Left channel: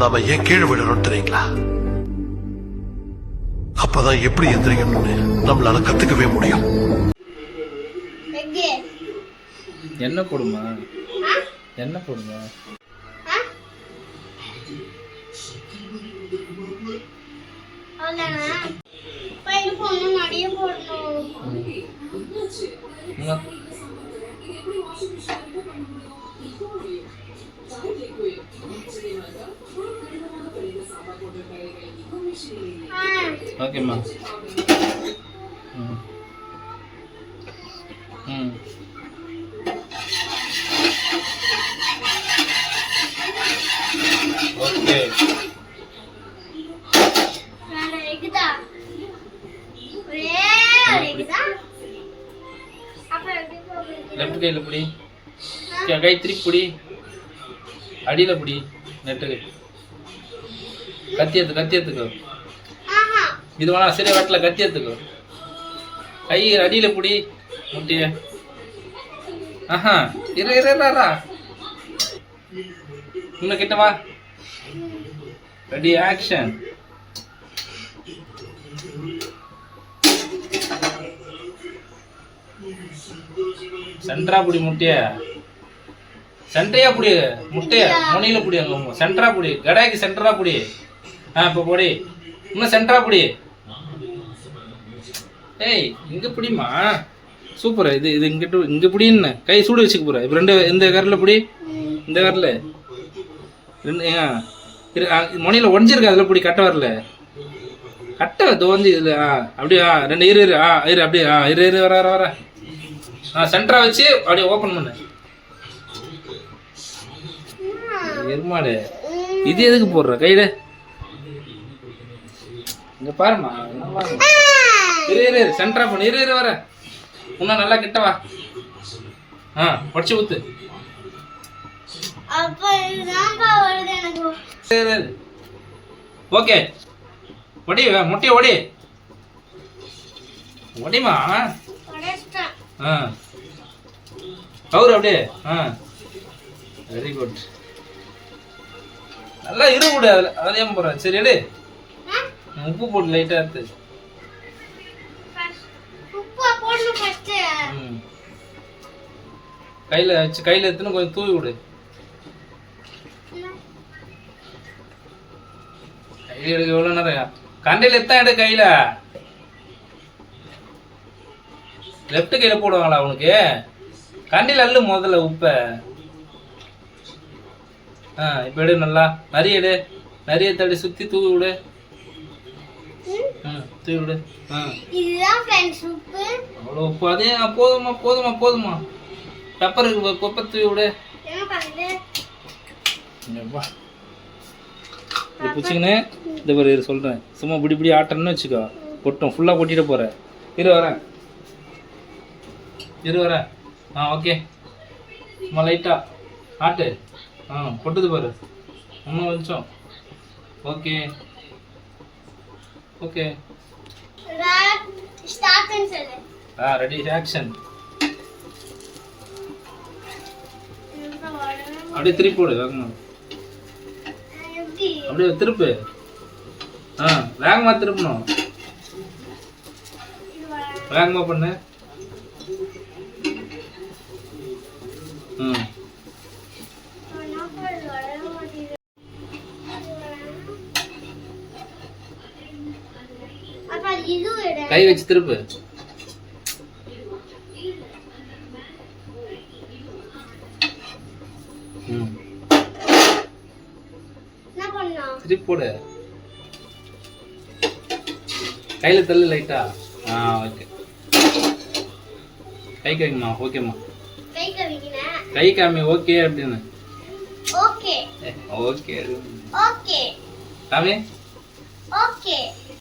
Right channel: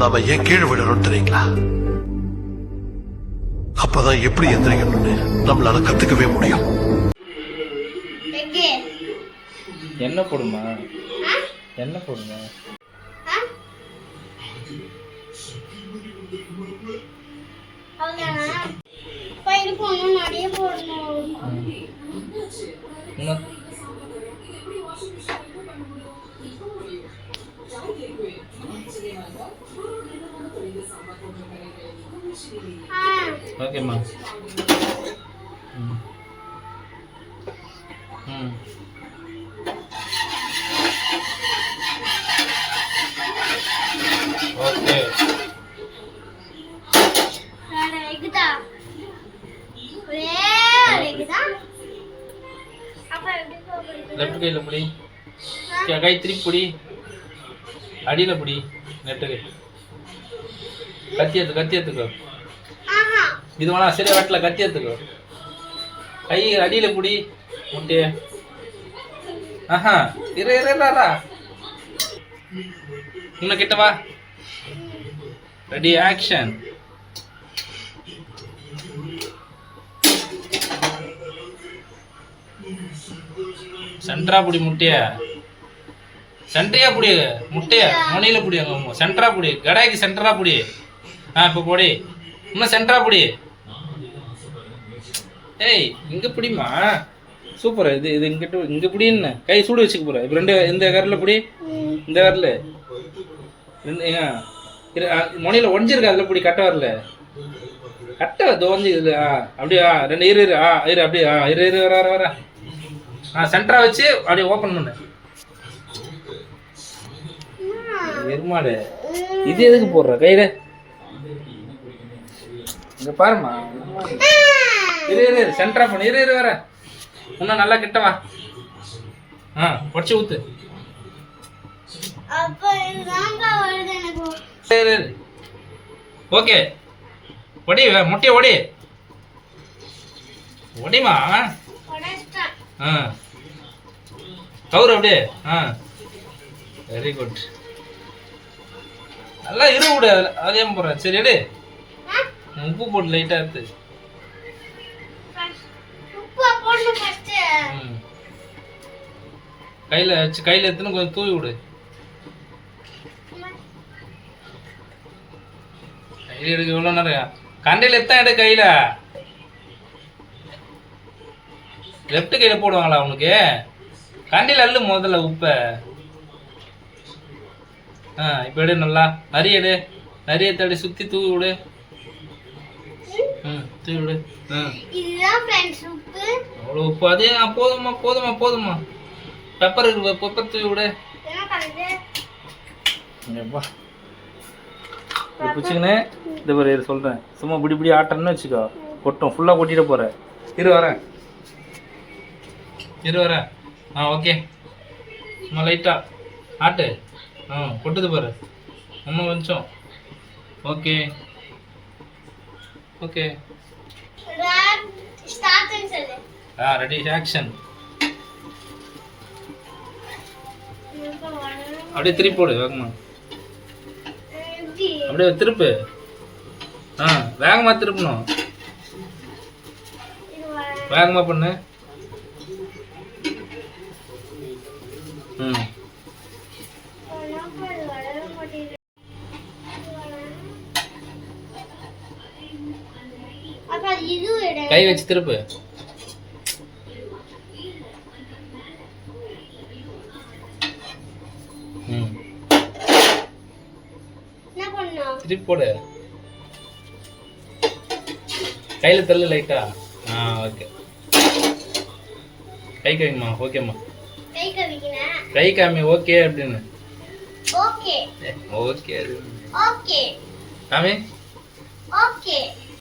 நாம ஏன் கீழே விடுறோம் தெரியுங்களா? அப்பதான் எப்படி எந்திரிக்கணும்னு நம்மளால கத்துக்கவே முடியும். என்ன போடுமா? என்ன போடுங்க? ஓகேம்மா. ஓகே. லெஃப்ட் கையில புடி, கை திருப்பி புடி, அடியில புடி, நெட்டு கத்தி எடுத்துக்கோ. இது வேணா சரியா வெட்டல, கத்தி எடுத்துக்கோ. கை அடியில புடி முட்டைய. ஆஹா, இரு இன்னும் கிட்ட வா. Ready, action. சென்ட்ரா புடி முட்டைய, சென்ட்ரையா புடி முட்டைய, முனையில புடி, அங்க சென்ட்ரா புடி, கடாய்க்கு சென்டரா புடி. இப்போ போடி, இன்னும் சென்டரா புடி. ஏய், இங்க புடிமா. சூப்பர். இது இங்க புடின்னு கை சூடு வச்சுக்க போற. இப்போ ரெண்டு இந்த விரல புடி, இந்த விரல முனையில ஒடிஞ்சிருக்கு, அதுல புடி, கட்ட வரல கட்ட தோஞ்சு இது. அப்படியே ரெண்டு இரு அப்படியே இரு வர சென்டரா வச்சு அப்படியே ஓப்பன் பண்ணு. எருமாடு, இது எதுக்கு போடுற கையில? இங்க பாருமா, இரு சென்டரா பண்ணு. இரு வர இன்னும் நல்லா கிட்ட வா. பொடிச்சு ஊத்து. ஓகே, ஒடி முட்டைய ஒடி, ஒடிமா. கவுரு அப்படியே. Very good. நல்லா இரு விடு. அதே போடுற. சரி எடு, உப்பு போட்டு லைட்டா எடுத்து. கையில எடுத்துன்னு கொஞ்சம் தூவி விடு. கையில எடுக்க எவ்வளவு நேரம்? கண்டையில எத்தான் எடு. கையில லெப்ட் கையில போடுவாங்களா அவனுக்கு? கண்டையில அள்ளு முதல்ல உப்ப. இப்ப எடு, நல்லா நிறைய எடு, நிறைய தடி சுத்தி தூவி விடு. தூவி விடு. அவ்வளோ உப்பு. அதே போதுமா. பெப்பர் இருக்கு, பெப்பர் தூவி விடு. பிடிச்சிக்கின்னு இந்த மாதிரி சொல்றேன். சும்மா இப்படி ஆட்டன்னு வச்சுக்கோ, கொட்டும். ஃபுல்லா கொட்டிட்டு போற. இரு வரேன். ஓகே. சும்மா லைட்டா ஆட்டு. கொட்டுது பாரு, இன்னும் கொஞ்சம். ஓகே. Ready, action. அப்படியே திருப்பி போடு வேகமா. அப்படியே திருப்பு. வேகமா திருப்பணும். வேகமா பண்ணு. கை வச்சு திருப்பு. திருப்பி போடு. கையில தள்ளு லைட்டா. ஓகே. கை காமிமா. ஓகேம்மா. கை காமி. ஓகே அப்படின்னு. ஓகே காமி. ஓகே.